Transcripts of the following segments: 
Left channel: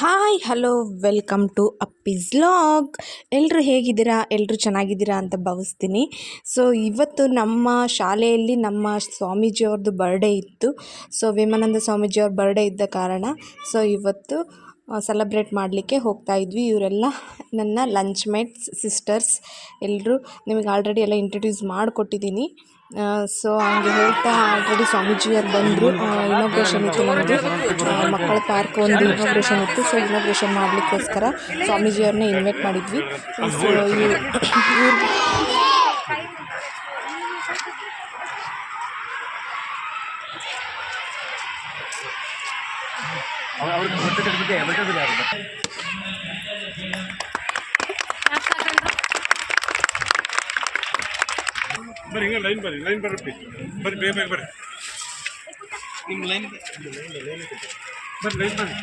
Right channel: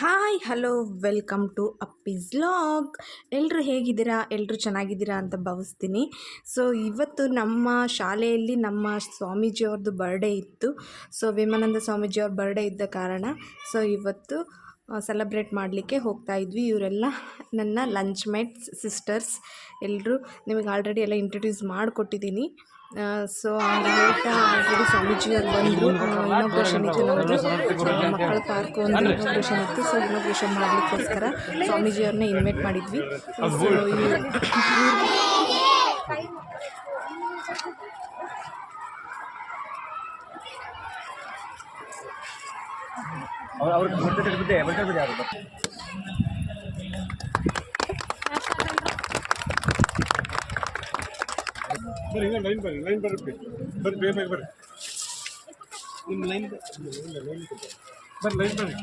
Hi hello welcome to Appi's vlog. ಎಲ್ಲರೂ ಹೇಗಿದ್ದೀರಾ? ಎಲ್ಲರೂ ಚೆನ್ನಾಗಿದ್ದೀರಾ ಅಂತ ಭಾವಿಸ್ತೀನಿ. ಸೊ ಇವತ್ತು ನಮ್ಮ ಶಾಲೆಯಲ್ಲಿ ನಮ್ಮ ಸ್ವಾಮೀಜಿಯವ್ರದ್ದು ಬರ್ಡೇ ಇತ್ತು. ಸೊ ವಿವೇಕಾನಂದ ಸ್ವಾಮೀಜಿಯವ್ರ ಬರ್ಡೇ ಇದ್ದ ಕಾರಣ ಸೊ ಇವತ್ತು ಸೆಲೆಬ್ರೇಟ್ ಮಾಡಲಿಕ್ಕೆ ಹೋಗ್ತಾ ಇದ್ವಿ. ಇವರೆಲ್ಲ ನನ್ನ ಲಂಚ್ ಮೇಟ್ಸ್ ಸಿಸ್ಟರ್ಸ್ ಎಲ್ಲರೂ. ನಿಮಗೆ ಆಲ್ರೆಡಿ ಎಲ್ಲ ಇಂಟ್ರೊಡ್ಯೂಸ್ ಮಾಡಿಕೊಟ್ಟಿದ್ದೀನಿ. ಸೊ ಹಂಗೆ ಹೇಳ್ತಾ ಆಲ್ರೆಡಿ ಸ್ವಾಮೀಜಿಯವ್ರು ಬಂದರು. ಇನಾಗ್ರೇಷನ್ ಇತ್ತು ನಮ್ಮದು, ಮಕ್ಕಳ ಪಾರ್ಕ್ ಒಂದು ಇನಾಗ್ರೇಷನ್ ಇತ್ತು. ಸೊ ಇನಾಗ್ರೇಷನ್ ಮಾಡಲಿಕ್ಕೋಸ್ಕರ ಸ್ವಾಮೀಜಿಯವ್ರನ್ನ ಇನ್ವೈಟ್ ಮಾಡಿದ್ವಿ. ಸೊ ಬರ್ರಿ ಹಿಂಗೆ ಲೈನ್ ಬರ್ರಿ ಬೇಗ ಬರ್ರಿ ನಿಮ್ಮ ಲೈನ್ ಬರ್ರಿ ಲೈನ್ ಬರ್ರಿ.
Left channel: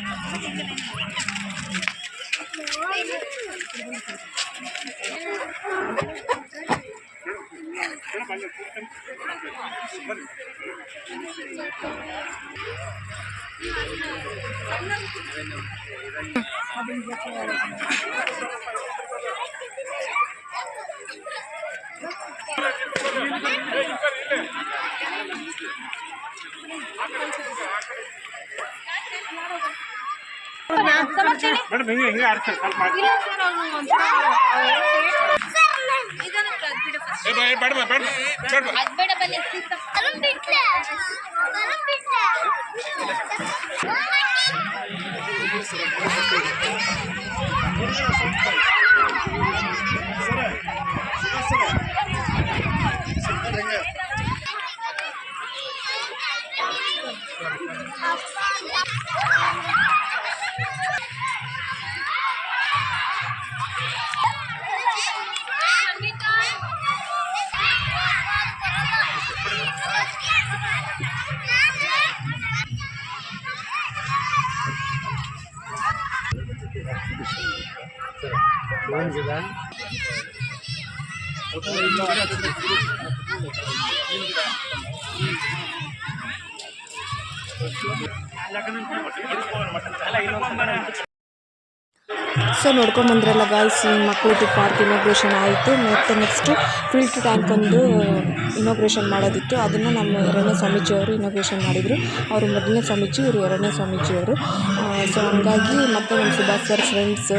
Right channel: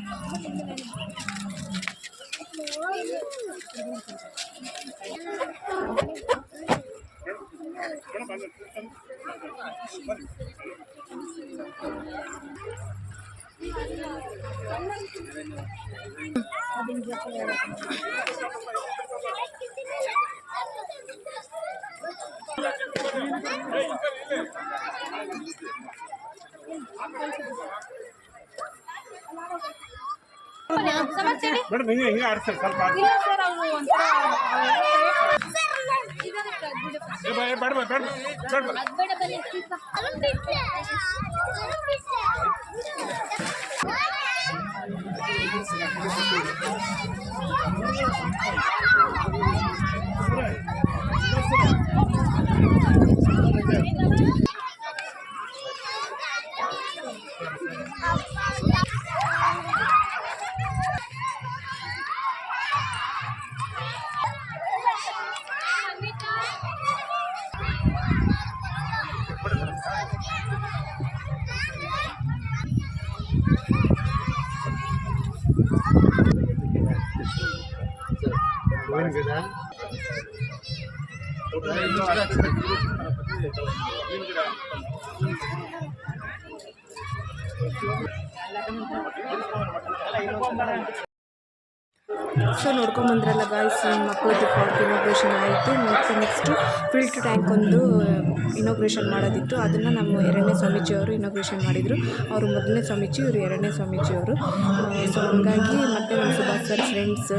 ಮೇಡಮ್ ಹಿಂಗೆ ಆಡ್ತಾರೆ ಸ್ವಲ್ಪ ಸೊ ನೋಡ್ಕೊಂಬಂದ್ರಲ್ಲ ಗಾಯ್ಸ್, ಮಕ್ಕಳದ್ದು ಪಾರ್ಕ್ ಇನಾಗ್ರೇಷನ್ ಆಯಿತು. ಮತ್ತು ನೆಕ್ಸ್ಟು ಫಿಲ್ಟ್ರ್ ಟ್ಯಾಂಕ್ ಒಂದು ಇನಾಗ್ರೇಷನ್ ಮಾಡೋದಿತ್ತು. ಅದನ್ನು ನಮ್ಮ ಎರಡನೇ ಸ್ವಾಮೀಜಿಯವರು ಇನಾಗ್ರೇಷನ್ ಮಾಡಿದರು. ಅವರು ಮೊದಲನೇ ಸ್ವಾಮೀಜಿ, ಇವರು ಎರಡನೇ ಸ್ವಾಮೀಜಿಯವರು. ಸೊ ಹಂಗಾಗಿ ಮತ್ತು ನಮ್ಮ Subhash sir friends,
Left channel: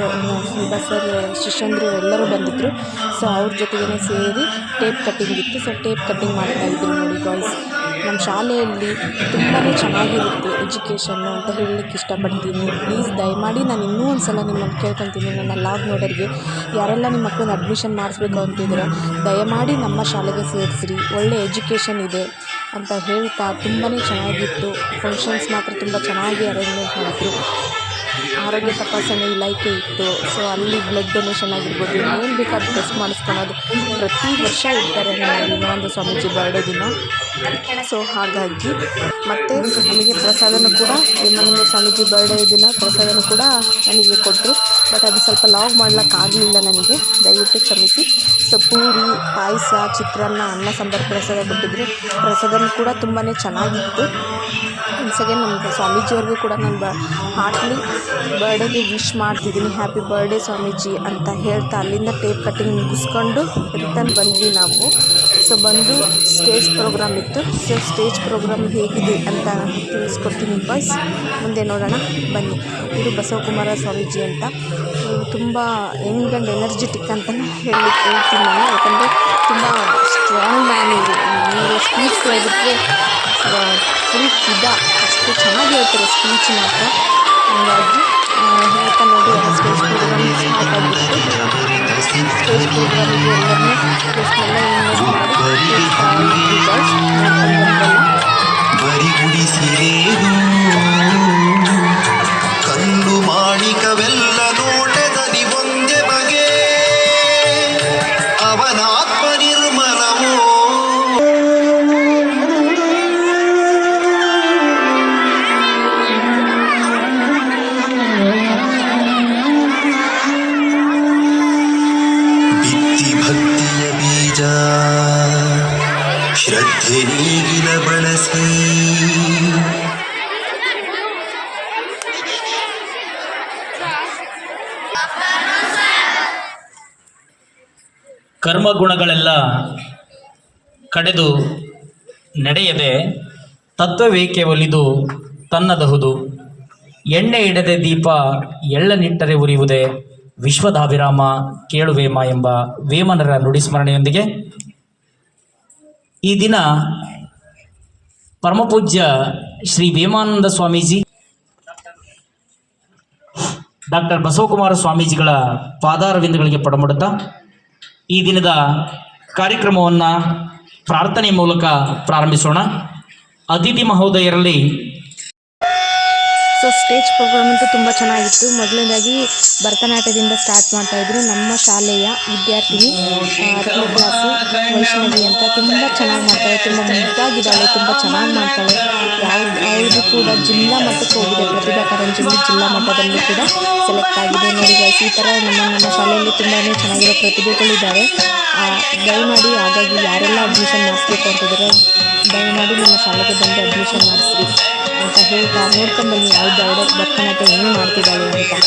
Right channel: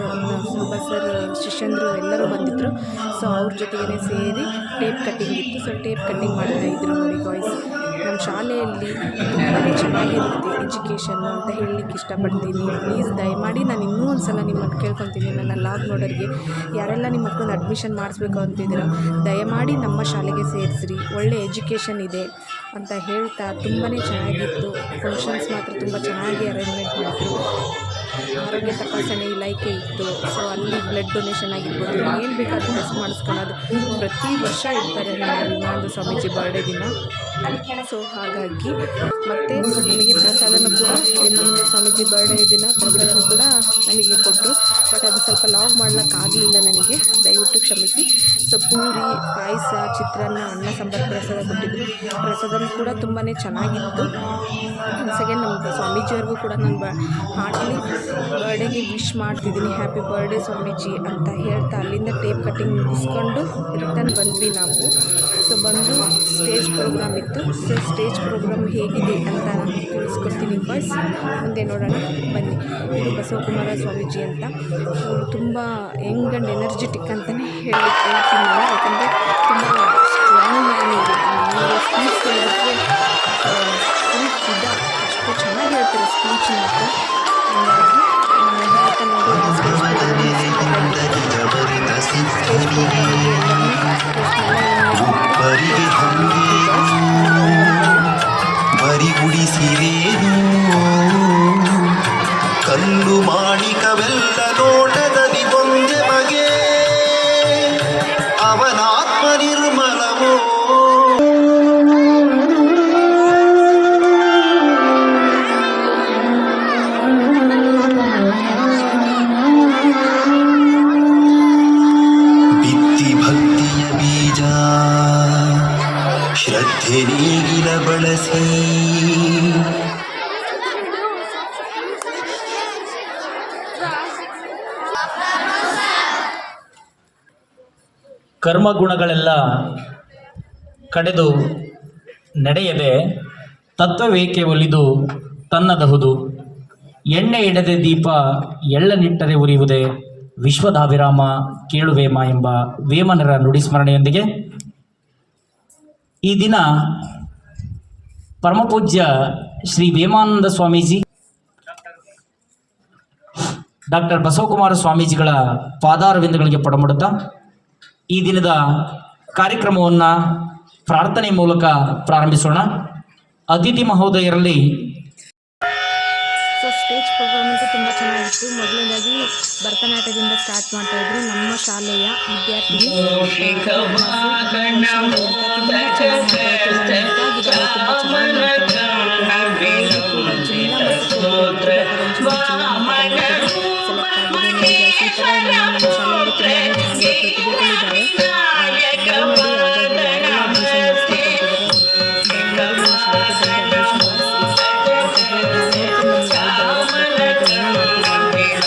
Subhash sir ಶಿಷ್ಯಂದರು ಎಲ್ಲರೂ ಬಂದಿದ್ದರು. ಸೊ ಅವ್ರ ಜೊತೆಗೇ ಸೇರಿ ಟೇಪ್ ಕಟ್ಟಿಂಗ್ ಇತ್ತು. ಸೊ ಟೇಪ್ ಕಟ್ಟಿಂಗ್ ಮಾಡ್ತಾಯಿದ್ರು ನೋಡಿ ಗಾಯ್ಸ್. ನಮ್ಮ ಶಾಲೆಯಲ್ಲಿ ತುಂಬಾ ಚೆನ್ನಾಗಿರುತ್ತೆ ಎಜುಕೇಷನ್ನು ಅಂತ ಹೇಳಲಿಕ್ಕೆ ಇಷ್ಟಪಡ್ತೀನಿ. ಪ್ಲೀಸ್ ದಯಮಾಡಿ ನಾನು ಇನ್ನೂ ಒಂದು ಸಲ ನಿಮ್ಮನ್ನು ಕೇಳ್ಕೊತೀನಿ, ನನ್ನ ಲಾಗ್ ನೋಡೋರಿಗೆ ಯಾರೆಲ್ಲ ನಿಮ್ಮ ಮಕ್ಕಳನ್ನ ಅಡ್ಮಿಷನ್ ಮಾಡಿಸ್ಬೇಕು ಅಂತಿದ್ದೀರ ದಯಮಾಡಿ ನಮ್ಮ ಶಾಲೆಗೆ ಸೇರಿಸ್ರಿ. ಒಳ್ಳೆ ಎಜುಕೇಷನ್ ಇದೆ ಅಂತ ಹೇಳ್ತಾ ತುಂಬಾ ಚೆನ್ನಾಗಿತ್ತು. ಫಂಕ್ಷನ್ಸ್ ಮಾತ್ರ ತುಂಬ ಚೆನ್ನಾಗಿ ಅರೇಂಜ್ಮೆಂಟ್ ಮಾಡಿದ್ರು. ಆರೋಗ್ಯ ತಪಾಸಣೆ ಇಲಾಖೆ ಇತ್ತು. ಸೊ ಅಲ್ಲಿ ಬ್ಲಡ್ ಡೊನೇಷನ್ ಆಗಿರ್ಬೋದು, ಏನು ಬೇಕಾದ್ರೂ ಟೆಸ್ಟ್ ಮಾಡಿಸ್ಕೊಳ್ಳೋದು ಪ್ರತಿ ವರ್ಷ ಇರ್ತಾರೆ ನಮ್ಮ ವಿವೇಕಾನಂದ ಸ್ವಾಮೀಜಿ ಬರ್ಡೇ ದಿನ. ಸೊ ಹಾಗಾಗಿ ಮತ್ತು ನಮಗೆ ಪ್ರಸಾದನೂ ಕೂಡ ವಿವೇಕಾನಂದ ಸ್ವಾಮೀಜಿ ಬರ್ಡೇ ದಿನ ಪ್ರಸಾದನೂ ಕೂಡ ನನಗೆ ಕೊಟ್ಟರು. ಬಟ್ ಅದು ಸ್ವಲ್ಪ ಲಾಗ್ ಮಾಡ್ಲಿಕ್ಕಾಗಲಿಲ್ಲ ನನಗೆ, ದಯವಿಟ್ಟು ಕ್ಷಮಿಸಿ. ಸೊ ಪೂರಿ, ಪಾಯಸ, ಚಿತ್ರಾನ್ನ, ಅನ್ನ ಸಾಂಬಾರು ಪ್ರಸಾದ ಕೊಟ್ಟಿದ್ದರು. ಪ್ರಸಾದನೂ ಕೂಡ ತುಂಬಾ ಚೆನ್ನಾಗಿತ್ತು. ಒನ್ಸ್ ನಮ್ಮ ಸ್ವಾಮೀಜಿಯವ್ರಿಗೂ ಕೂಡ ನಾನು ಹಾರ್ಟ್ಲಿ ಬರ್ಡೇಗೆ ವಿಶ್ ಮಾಡ್ತಿದ್ದೀನಿ, ಹ್ಯಾಪಿ ಬರ್ಡೇ ಸ್ವಾಮೀಜಿ ಅಂತ ಹೇಳ್ತಾ ಅಲ್ಲಿಂದ ಟೇಪ್ ಕಟ್ಟಿಂಗ್ ಮುಗಿಸ್ಕೊಂಡು ರಿಟರ್ನ್ ಬಂದ್ವಿ ನಾವು. ಸೊ ಬಂದು ಸ್ಟೇಜ್ ಪ್ರೋಗ್ರಾಮ್ ಇತ್ತು. ಸೊ ಸ್ಟೇಜ್ ಪ್ರೋಗ್ರಾಮ್ ಹೇಗಿದೆ ಅಂತ ತಿಳಿಸ್ಕೊಡ್ತೀನಿ ಬಾಯ್ಸ್, ಮುಂದೆ ನೋಡೋಣ ಬನ್ನಿ. ಇದು ಬಸವಕುಮಾರ ಸ್ವಾಮೀಜಿ ಅಂತ. ಇವರು ತುಂಬ ಯಂಗ್ ಆ್ಯಂಡ್ ಎನರ್ಜೆಟಿಕ್ ಅಂತಲೇ ಹೇಳ್ತೀನಿ ನಾನು, ಯಾಕಂದರೆ ತುಂಬ ಸ್ಟ್ರಾಂಗ್ ಮ್ಯಾನ್ ಇವರು. ಸ್ಪೀಚ್ ಹೇಳಿದ್ರೆ ಫುಲ್ ಅಷ್ಟು ಚೆನ್ನಾಗಿ ಹೇಳ್ತಾರೆ ಸ್ಪೀಚ್ ಮಾತ್ರ. ಹಾಗಾಗಿ ಹೇಳ್ತಾ ನೋಡಿ ಸ್ಟೇಜ್ ಪ್ರೋಗ್ರಾಮ್ ಸ್ಟಾರ್ಟ್ ಆಗಿತ್ತು. ಸ್ಟೇಜ್ ಪ್ರೋಗ್ರಾಮಿಗೆ ಎಲ್ಲರನ್ನೂ ಕಲ್ಲು ಮಾಣಿಕವೆಲ್ಲ ನೋಟದಲ್ಲಿ ಒಂದೇ ಬಗೆ ಅವನಾತ್ಮ ನಿರ್ಮಲವೋ. ಬಿತ್ತಿ ಭಕ್ತಿಯ ಬೀಜ ಶ್ರದ್ಧೆ ನೀಗಿಲ ಬಳಸಿ ಕರ್ಮಗುಣಗಳೆಲ್ಲ ಕಡೆದು ನಡೆಯದೆ ತತ್ವವೇಕೆ ಒಲಿದು ತನ್ನದಹುದು. ಎಣ್ಣೆ ಇಡದೆ ದೀಪ ಎಳ್ಳನಿಟ್ಟರೆ ಉರಿಯುವುದೇ, ವಿಶ್ವದಾಭಿರಾಮ ಕೇಳುವೇಮ ಎಂಬ ವೇಮನರ ನುಡಿಸ್ಮರಣೆಯೊಂದಿಗೆ ಈ ದಿನ ಪರಮಪೂಜ್ಯ ಶ್ರೀ ವೇಮಾನಂದ ಸ್ವಾಮೀಜಿ, ಡಾಕ್ಟರ್ ಬಸವಕುಮಾರ ಸ್ವಾಮೀಜಿಗಳ ಪಾದಾರವಿಂದಗಳಿಗೆ ಪಡಮಡುತ್ತಾ ಈ ದಿನದ ಕಾರ್ಯಕ್ರಮವನ್ನು ಪ್ರಾರ್ಥನೆ ಮೂಲಕ ಪ್ರಾರಂಭಿಸೋಣ. ಅತಿಥಿ ಮಹೋದಯರಲ್ಲಿ ಸೊ ಸ್ಟೇಜ್ ಪ್ರೋಗ್ರಾಮ್ ಅಂತೂ ತುಂಬ ಚೆನ್ನಾಗಿತ್ತು. ಮೊದಲನೇದಾಗಿ ಭರತನಾಟ್ಯದಿಂದ ಸ್ಟಾರ್ಟ್ ಮಾಡ್ತಾಯಿದ್ರು. ನಮ್ಮ ಶಾಲೆಯ ವಿದ್ಯಾರ್ಥಿನಿ ಕ್ಲಾಸು ವೈಷ್ಣವಿ ಅಂತ ತುಂಬ ಚೆನ್ನಾಗಿ ಮಾಡ್ತಾಳೆ, ತುಂಬ ಮುದ್ದಾಗಿದ್ದಾಳೆ, ತುಂಬ ಚೆನ್ನಾಗಿ ಮಾಡ್ತಾಳೆ. ಯಾವುದು ಕೂಡ ಜಿಲ್ಲಾ ಮಟ್ಟಕ್ಕೆ ಹೋಗಿದೆ, ಪ್ರತಿಭಾ ಕಾರಂಜಿಯಲ್ಲಿ ಜಿಲ್ಲಾ ಮಟ್ಟದಲ್ಲಿ ಕೂಡ ಸೆಲೆಕ್ಟ್ ಆಗಿದೆ. ನೋಡಿ ಗೈಸ್, ಈ ಥರ ನಮ್ಮ ಶಾಲೆಯಲ್ಲಿ ತುಂಬಾ ಚೆನ್ನಾಗಿರೋ ಪ್ರತಿಭೆಗಳಿದ್ದಾರೆ. ದಯಮಾಡಿ ಹಾಗಾಗಿ ಯಾರೆಲ್ಲ ಅಡ್ಮಿಷನ್ ಮಾಡಿಸ್ಬೇಕು ಅಂತಿದ್ದಾರೆ ದಯಮಾಡಿ ನಮ್ಮ ಶಾಲೆಗೆ ಬಂದು ಅಡ್ಮಿಷನ್ ಮಾಡಿಸ್ರಿ ಅಂತ ಹೇಳ್ತಾ ನೋಡ್ಕೊಂಡು ಬನ್ನಿ ಯಾವ್ದು ಭರತನಾಟ್ಯ ಹೆಂಗೆ ಮಾಡ್ತಿದ್ದಾಳೆ ಅಂತ.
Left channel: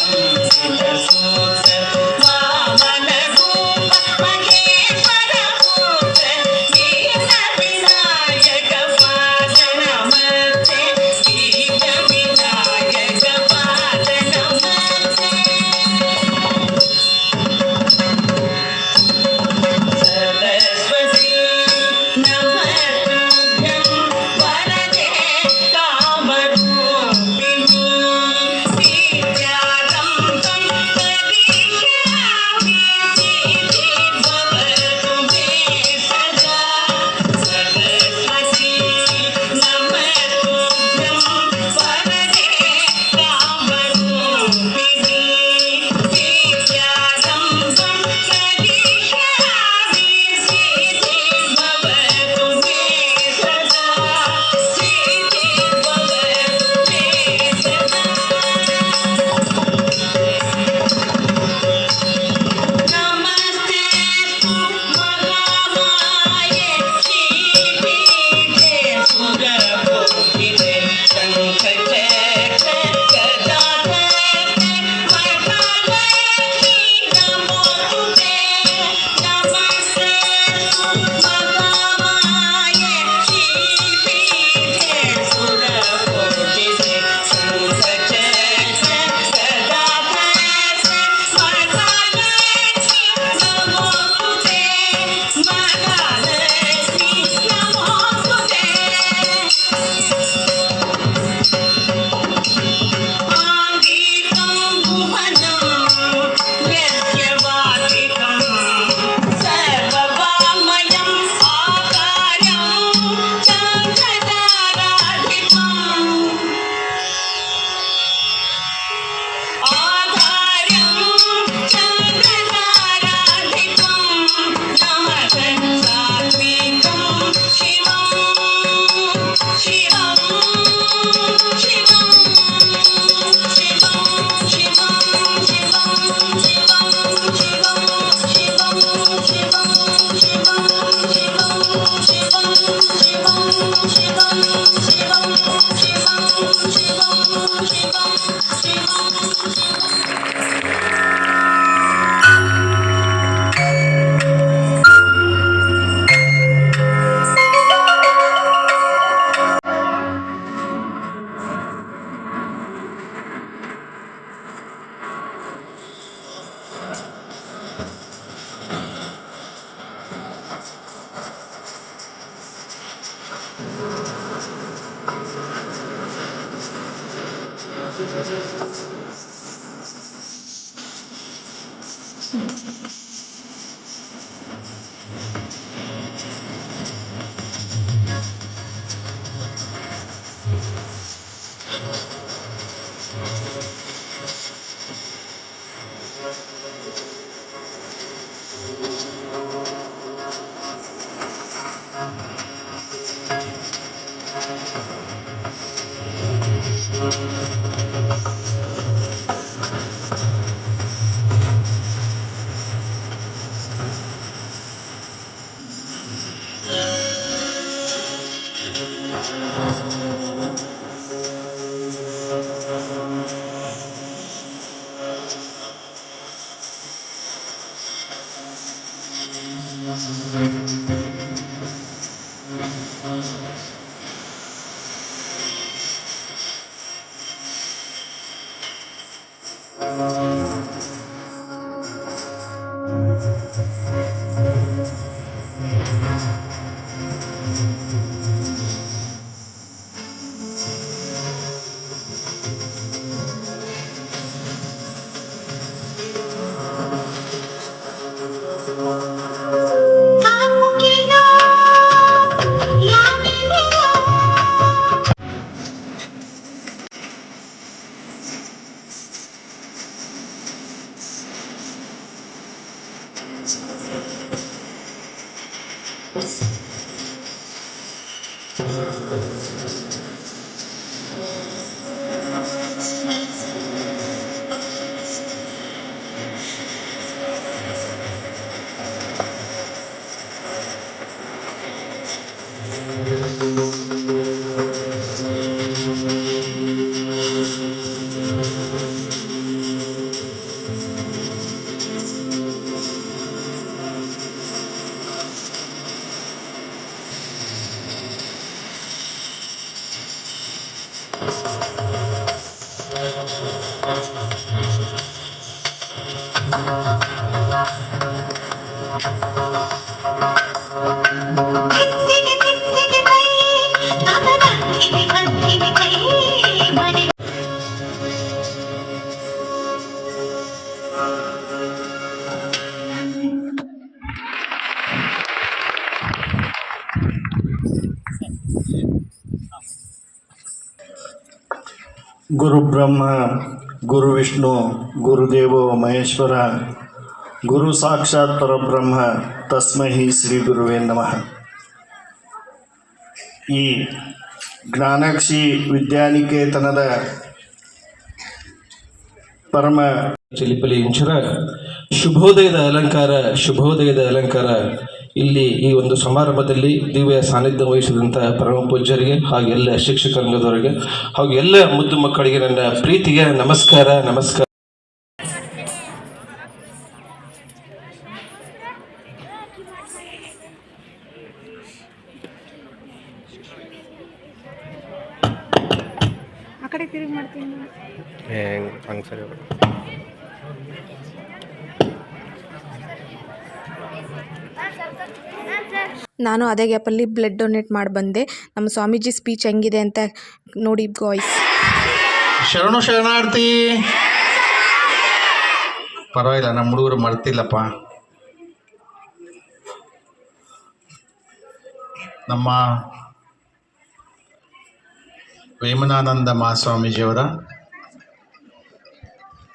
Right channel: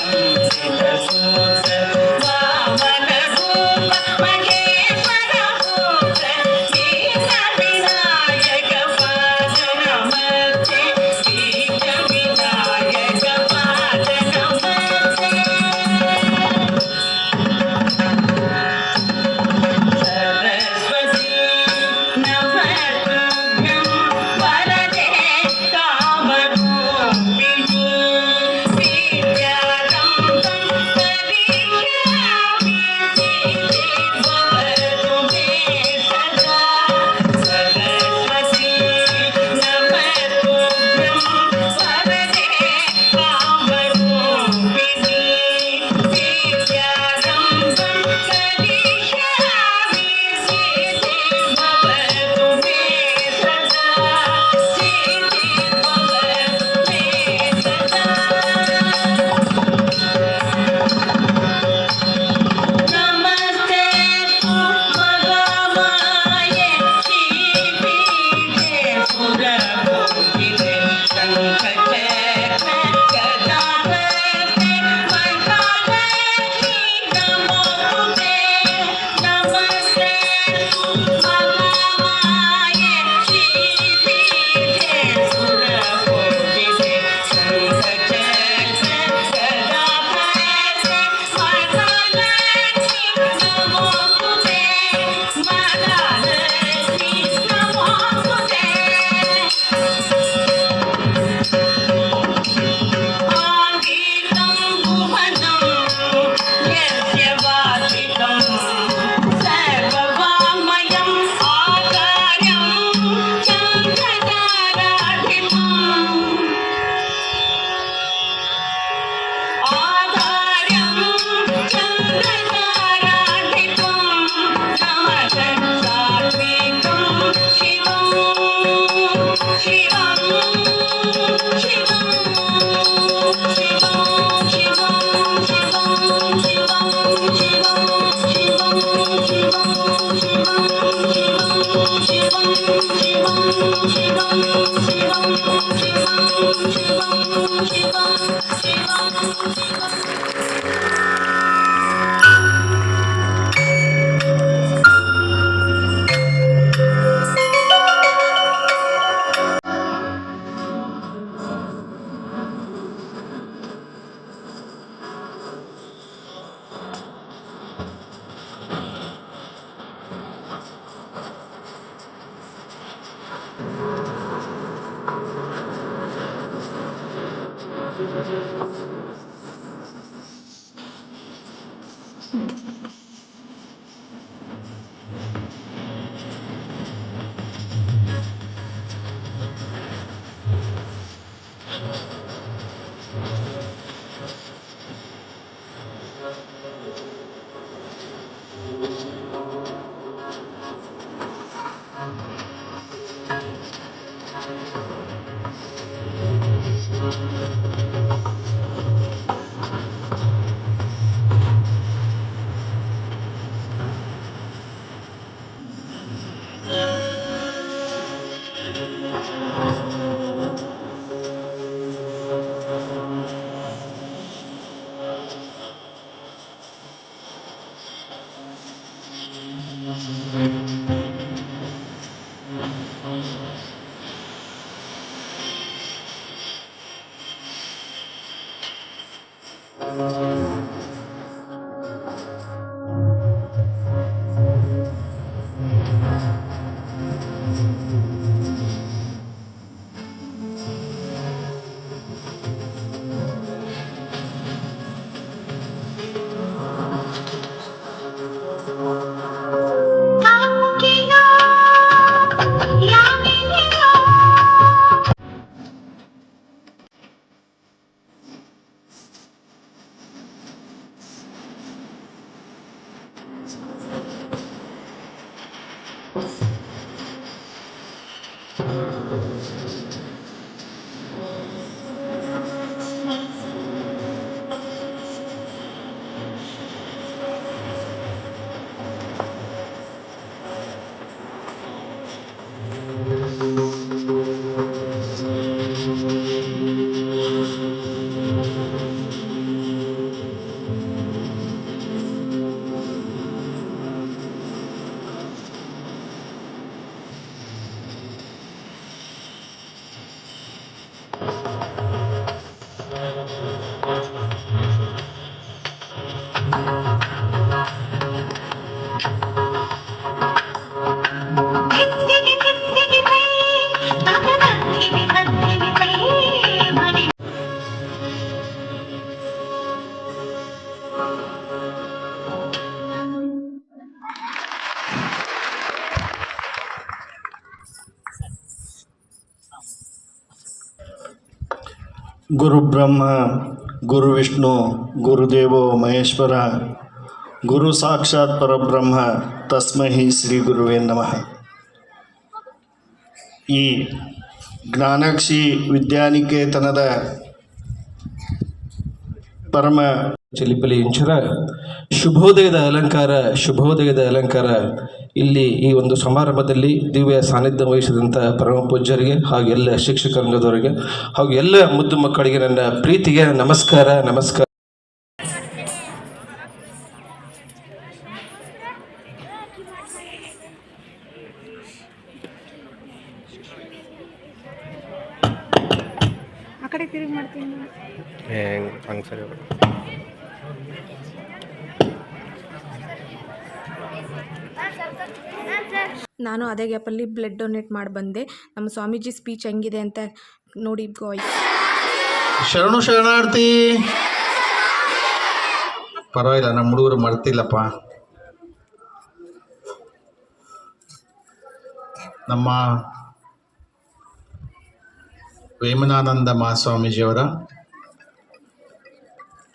ಗುರು ಬ್ರಹ್ಮ ಗುರು ವಿಷ್ಣು ಗುರುದೇವೋ ಮಹೇಶ್ವರ ಗುರು ಸಾಕ್ಷಾತ್ ಪರಬ್ರಹ್ಮ ತಸ್ಮೈ ಶ್ರೀ ಗುರುವೇ ನಮಃ. ಈ ಜ್ಞಾನಾಕ್ಷಿ ವಿದ್ಯಾನಿಕೇತನದ ಪರಮ ಚಿಲಿಪಲಿ ಇಂಚರ ಶುಭೋದಯದ ಅಲಂಕಾರ ಇಲ್ಲಿ ಈ ಒಂದು ಸಮಾರಂಭದಲ್ಲಿ ದಿವ್ಯ ಸಾನ್ನಿಧ್ಯ ವಹಿಸಿದಂಥ ಪರಮ ಪೂಜ್ಯರಿಗೆ ಹಾಗೂ ಎಲ್ಲ ಶಿಕ್ಷಕರಂಗದವರಿಗೆ ಹಾಗೂ ಎಲ್ಲ ಮುದ್ದು ಮಕ್ಕಳಿಗೆ ನನ್ನ ಪ್ರೀತಿಗೆ ನಮಸ್ಕಾರ. ಆ ಕಡೆ ತಿರುಗಿ ಮಾಡ್ತೀನಿ. ಹಂಗೆ ಸರಿ. ನಾನು ಅದೇ ಗ್ಯಾಪಲ್ಲಿ ಬ್ಲಡ್ ಡೊನೇಟ್ ಮಾಡಿ ಬಂದೆ. ನಮ್ಮ ಸ್ವಾಮೀಜಿ ಸ್ಪೀಚ್ ಹೆಂಗಿದೆ ಅಂತ ನೋಡಿ ಗಾಯ್ಸ್. ಶರಣಾರ್ಥಿ. ಪರವಾಗಿಲ್ಲ, ನಮ್ಮ ಹುಡುಗರು ಮರ್ತಿಲ್ಲಪ್ಪ. ನಮ್ಮ ವೇಮನಾನಂದ ಮಹಾಸ್ವಾಮೀಜಿಯವರ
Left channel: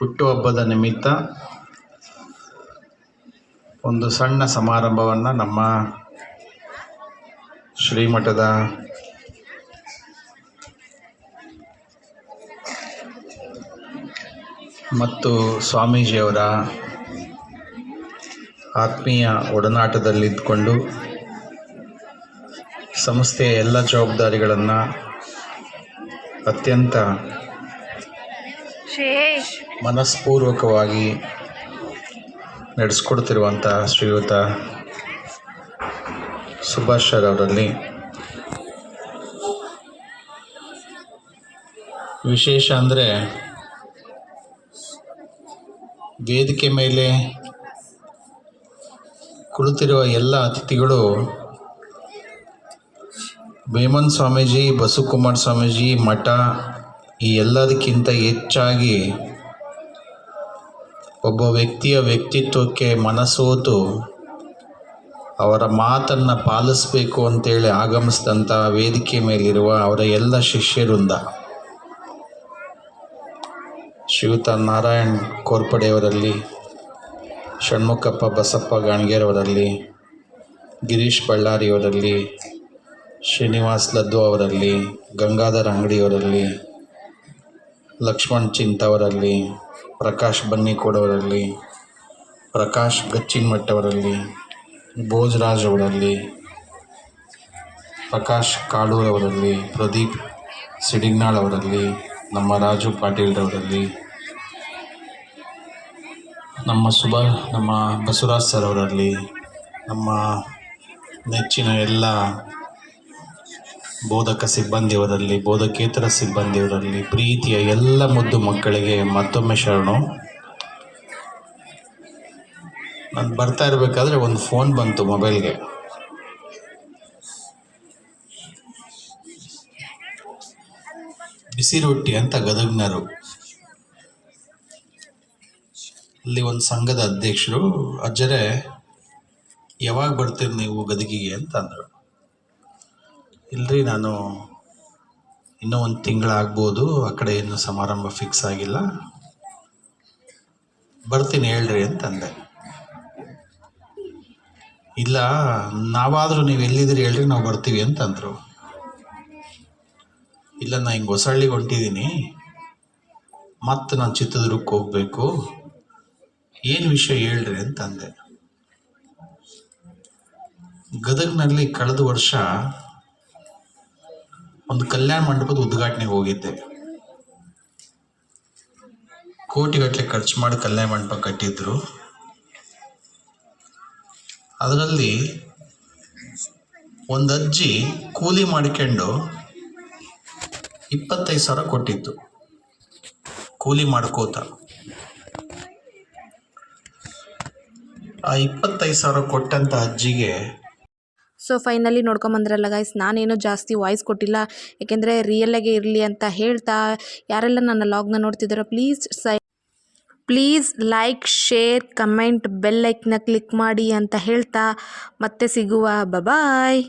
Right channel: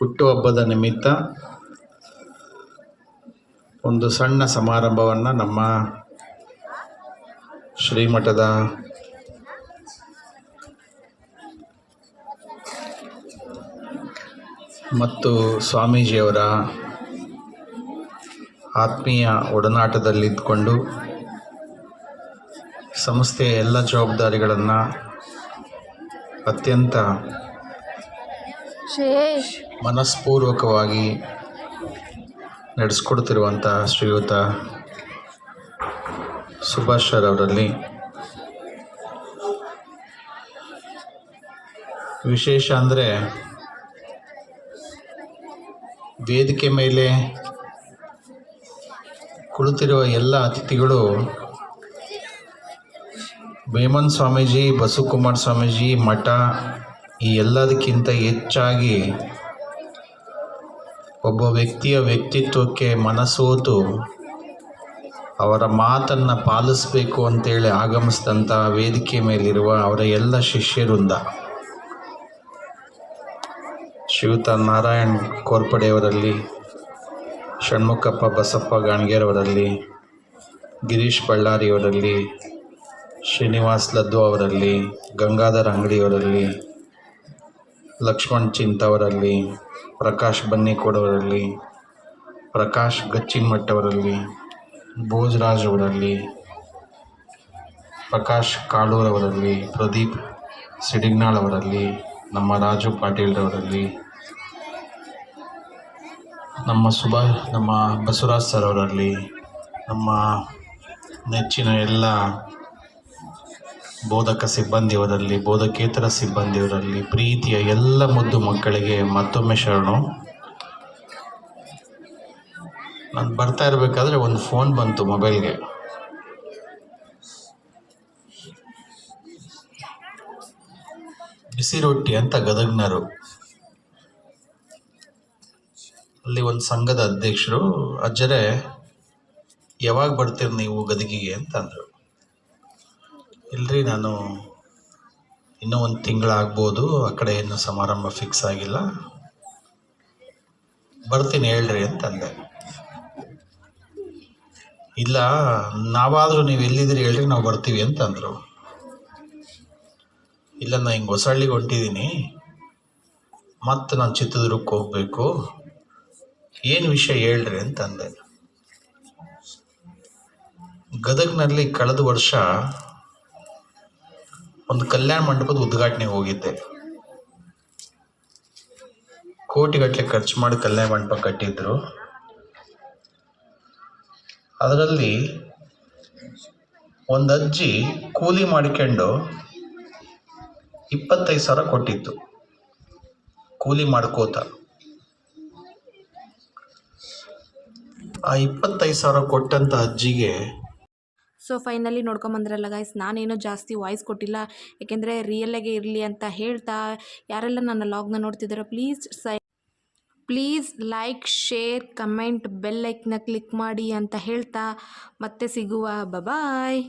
ಹುಟ್ಟುಹಬ್ಬದ ನಿಮಿತ್ತ ಒಂದು ಸಣ್ಣ ಸಮಾರಂಭವನ್ನು ನಮ್ಮ ಶ್ರೀಮಠದ ಮತ್ತು ಸ್ವಾಮೀಜಿಯವರ ಆತ್ಮೀಯ ಒಡನಾಟದಲ್ಲಿದ್ದುಕೊಂಡು ಸಂಸ್ಥೆಯ ಎಲ್ಲ ಜವಾಬ್ದಾರಿಗಳನ್ನು ಅತ್ಯಂತ ಮನಸ್ಪೂರ್ವಕವಾಗಿ ನಡೆಸ್ಕೊಡ್ತಿರುವಂಥ ಶ್ರೀಯುತ ಸುಭಾಷ್ ಸರ್ ಅವರಲ್ಲಿ ವಿಶೇಷ ಅಂದರೆ ವೇದಿಕೆ ಮೇಲೆ ಕುಳಿತಿರುವ ಎಲ್ಲ ಅತಿಥಿಗಳು ವೇಮನ್ ಸ್ವಾಮೀಜಿ, ಬಸವಕುಮಾರ ಸ್ವಾಮೀಜಿ, ಮಠ ಈ ಎಲ್ಲದಕ್ಕಿಂತ ಹೆಚ್ಚಾಗಿ ಒಬ್ಬ ವ್ಯಕ್ತಿಯ ವ್ಯಕ್ತಿತ್ವಕ್ಕೆ ಮನಸೋತು ಅವರ ಮಾತನ್ನು ಪಾಲಿಸಬೇಕು ಅಂತೇಳಿ ಆಗಮಿಸಿದಂಥ ವೇದಿಕೆ ಮೇಲಿರುವ ಅವರ ಎಲ್ಲ ಶಿಷ್ಯರಿಂದ ಶ್ರೀಯುತ ನಾರಾಯಣ್ ಕೋರ್ಪಡೆಯವರಲ್ಲಿ, ಷಣ್ಮುಖಪ್ಪ ಬಸಪ್ಪ ಗಾಣಗೇರವರಲ್ಲಿ, ಗಿರೀಶ್ ಬಳ್ಳಾರಿಯವರಲ್ಲಿ, ಶ್ರೀನಿವಾಸ್ ಲದ್ದು ಅವರಲ್ಲಿ, ಗಂಗಾಧರ್ ಅಂಗಡಿಯವರಲ್ಲಿ, ಲಕ್ಷ್ಮಣ್ ಚಿಂತವರಲ್ಲಿ, ಪ್ರಕಾಶ್ ಬನ್ನಿಕೋಡವರಲ್ಲಿ, ಪ್ರಕಾಶ್ ಗಚ್ಚಿನ್ಮಠ್ ಭೋಜರಾಜ್ ಅವರಲ್ಲಿ, ಪ್ರಕಾಶ್ ಕಾಳೂರವರಲ್ಲಿ, ಪ್ರದೀಪ್ ಸಿಡಿಗ್ನಾಳ್ ಅವರಲ್ಲಿ, ನಮ್ಮ ರಾಜು ಪಾಟೀಲ್ರವರಲ್ಲಿ, ನಮ್ಮ ಬಸವರಾಜ್ ಸರ್ ಅವರಲ್ಲಿ, ನಮ್ಮ ನೆಚ್ಚಿನ ಎಲ್ಲ ಬೋಧಕ ಸಿಬ್ಬಂದಿಯವರಲ್ಲಿ, ಬೋಧಕೇತರ ಸಿಬ್ಬಂದಿಯವರಲ್ಲಿ, ಪ್ರೀತಿಯ ಎಲ್ಲ ಮುದ್ದು ಮಕ್ಕಳಿಗೆ ಮತ್ತೊಮ್ಮೆ ಶರಣು. ನಾನು ಬರ್ತಾ ಇರಬೇಕಾದ್ರೆ ಒಂದು ಫೋನ್ ಬಂತು ಮೊಬೈಲ್ಗೆ. ಬಿಸಿ ರೊಟ್ಟಿ ಅಂತ ಗದಗ್ನರು, ಅಲ್ಲಿ ಒಂದು ಸಂಘದ ಅಧ್ಯಕ್ಷರು, ಅಜ್ಜರೇ ಯಾವಾಗ ಬರ್ತೀರಿ ನೀವು ಗದಗಿಗೆ ಅಂತ ಅಂದರು. ಇಲ್ರಿ ನಾನು ಇನ್ನೂ ಒಂದು ತಿಂಗಳಾಗ್ಬೋದು, ಆ ಕಡೆ ಏನು ಸಮಾರಂಭ ಫಿಕ್ಸ್ ಆಗಿಲ್ಲ, ಬರ್ತೀನಿ ಹೇಳ್ರಿ ಅಂತಂದೆ. ಇಲ್ಲ ನಾವಾದರೂ ನೀವು ಎಲ್ಲಿದ್ದೀರಿ ಹೇಳ್ರಿ ನಾವು ಬರ್ತೀವಿ ಅಂತಂದರು. ಇಲ್ಲ ನಾನು ಹಿಂಗೆ ಹೊಸಳ್ಳಿಗೆ ಹೊಂಟಿದ್ದೀನಿ, ಮತ್ತು ನಾನು ಚಿತ್ರದುರ್ಗಕ್ಕೆ ಹೋಗಬೇಕು, ಏನು ವಿಷಯ ಹೇಳ್ರಿ ಅಂತಂದೆ. ಗದಗ್ನಲ್ಲಿ ಕಳೆದ ವರ್ಷ ಒಂದು ಕಲ್ಯಾಣ ಮಂಟಪದ ಉದ್ಘಾಟನೆಗೆ ಹೋಗಿದ್ದೆ. ಕೋಟಿಗಟ್ಟಲೆ ಖರ್ಚು ಮಾಡಿ ಕಲ್ಯಾಣ ಮಂಟಪ ಕಟ್ಟಿದ್ರು. ಅದರಲ್ಲಿ ಒಂದು ಅಜ್ಜಿ ಕೂಲಿ ಮಾಡಿಕೊಂಡು 25,000 ಕೊಟ್ಟಿತ್ತು, ಕೂಲಿ ಮಾಡ್ಕೋತ. ಆ 25,000 ಕೊಟ್ಟಂಥ ಅಜ್ಜಿಗೆ ಸೊ ಫೈನಲಿ ನೋಡ್ಕೊಂಬಂದ್ರಲ್ಲ ಗೈಸ್, ನಾನೇನೋ ಜಾಸ್ತಿ ವಾಯ್ಸ್ ಕೊಟ್ಟಿಲ್ಲ, ಏಕೆಂದರೆ ರಿಯಲ್ಲಾಗೆ ಇರಲಿ ಅಂತ ಹೇಳ್ತಾ, ಯಾರೆಲ್ಲ ನನ್ನ ಲಾಗ್ನ ನೋಡ್ತಿದ್ದಾರೋ please like, share, comment, bell ಐಕ್ನ ಕ್ಲಿಕ್ ಮಾಡಿ ಅಂತ ಹೇಳ್ತಾ ಮತ್ತೆ ಸಿಗುವ. ಬಾಯ್.